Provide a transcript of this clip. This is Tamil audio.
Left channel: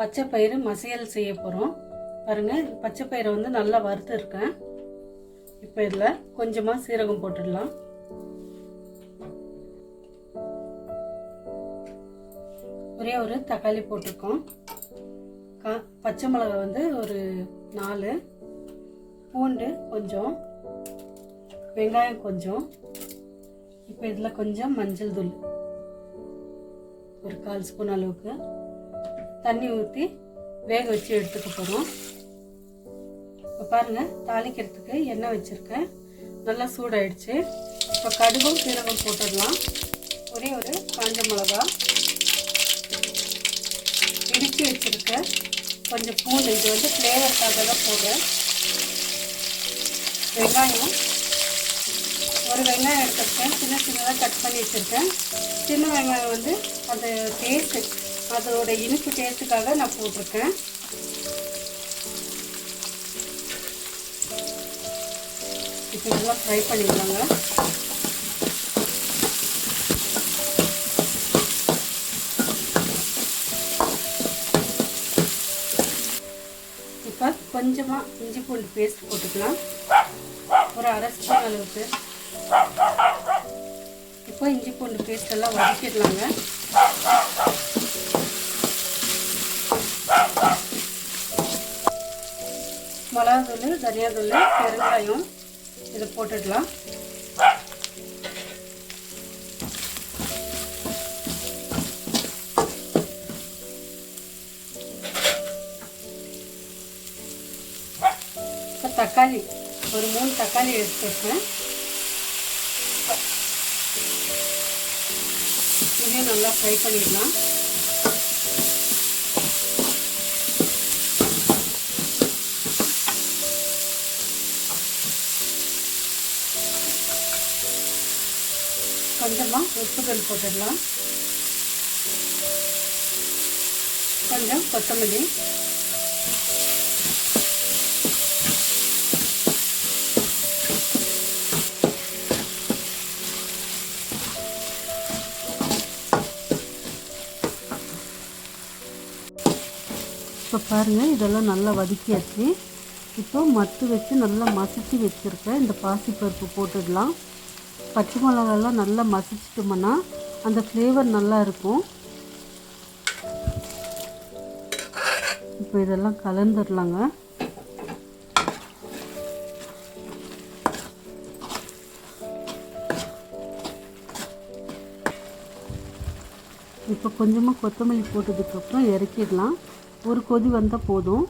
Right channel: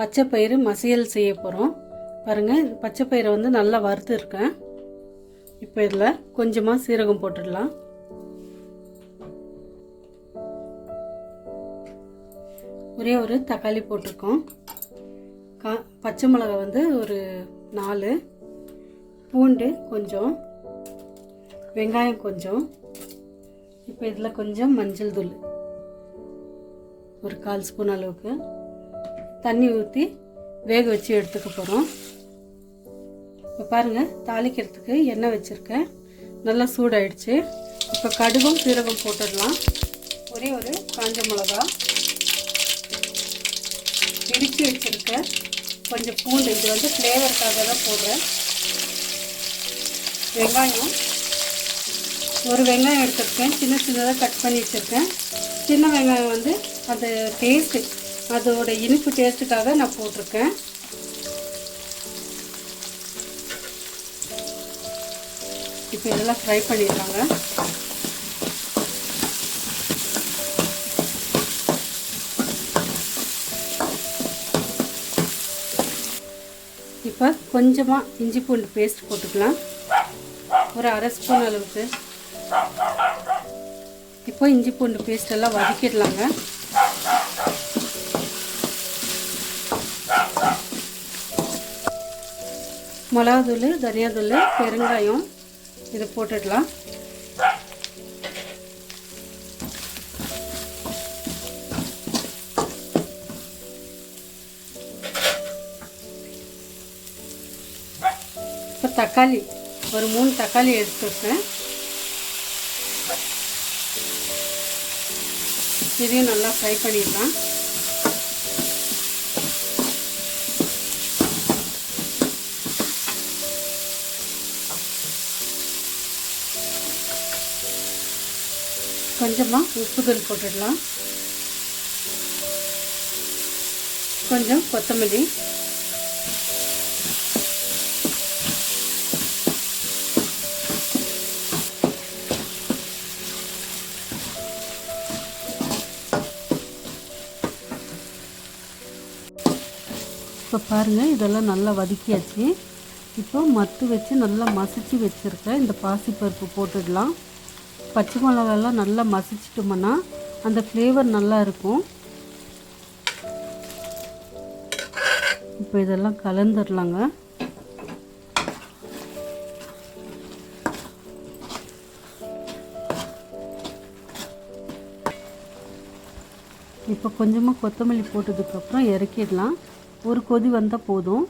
பச்சை பயிறு மசியல் செய்ய போகிறோம். பாருங்கள், பச்சை பயிரை வந்து நல்லா வறுத்து இருக்கேன். இப்போ இதில் கொஞ்சமாக சீரகம் போட்டுடலாம். ஒரே ஒரு தக்காளி போட்டிருக்கோம். பச்சை மிளகாய் வந்து ஒரு 4, பூண்டு கொஞ்சம், வெங்காயம் கொஞ்சம். இப்போ இதில் கொஞ்சம் மஞ்சள் தூள் ஒரு 1/4 ஸ்பூன் அளவுக்கு தண்ணி ஊற்றி வேக வச்சு எடுத்துக்க போகிறோம். இப்போ பாருங்கள், தாளிக்கிறதுக்கு எண்ணெய் வச்சுருக்கேன். நல்லா சூடாயிடுச்சு. இப்போ கடுகும் சீரகம் போட்டுடலாம். ஒரே ஒரு காஞ்ச மிளகா, இடித்து வச்சுருக்கேன் கொஞ்சம் பூண்டு. இது வந்து ஃப்ளேவருக்காக தான் போடுறேன். வெங்காயம், ஒரு வெங்காயம் எடுத்துருக்கேன், சின்னதாக கட் பண்ணி வச்சுருக்கேன். சின்ன வெங்காயம் வந்து அந்த டேஸ்ட்டு, அதோட இனிப்பு டேஸ்ட்டுக்காக நான் போட்டிருக்கேன். இப்போ இதெல்லாம் ஃப்ரை பண்ணிடுறாங்க. இப்போ கொஞ்சமாக இஞ்சி பூண்டு பேஸ்ட் போட்டுக்கலாம், ஒரு 1/2 ஸ்பூன் அளவுக்கு. இப்போ இஞ்சி பூண்டு பேஸ்ட் எல்லாம் வதக்கிடலாங்க. மிளகாத்தூள், தனியாத்தூள், பெருங்காயம் இதை போட்டுடலாம். இப்போ தக்காளி, ஒரு 3 தக்காளி எடுத்துருக்கேன். இதையும் நல்லா ஃப்ரை பண்ணிடலாம். கொஞ்சமாக உப்புதூள் போட்டுடலாம். கொஞ்சம் கொத்தமல்லி, இப்போ பாருங்கள், இதெல்லாம் நல்லா வதக்கியாச்சு. இப்போ மத்து வச்சு நல்லா மசிச்சு வச்சுருக்கேன் இந்த பாசிப்பருப்பு போட்டுடலாம். பச்சை மிளகாலாம் நல்லா மசிச்சிட்டோம்னா அந்த ஃப்ளேவர் நல்லா இருக்கும். இப்போ இதெல்லாம் கலந்துடலாங்க. இப்போ கொஞ்சமாக கொத்தமல்லி போட்டதுக்கப்புறம் இறக்கிடலாம். ஒரு கொதி வந்தால் போதும்.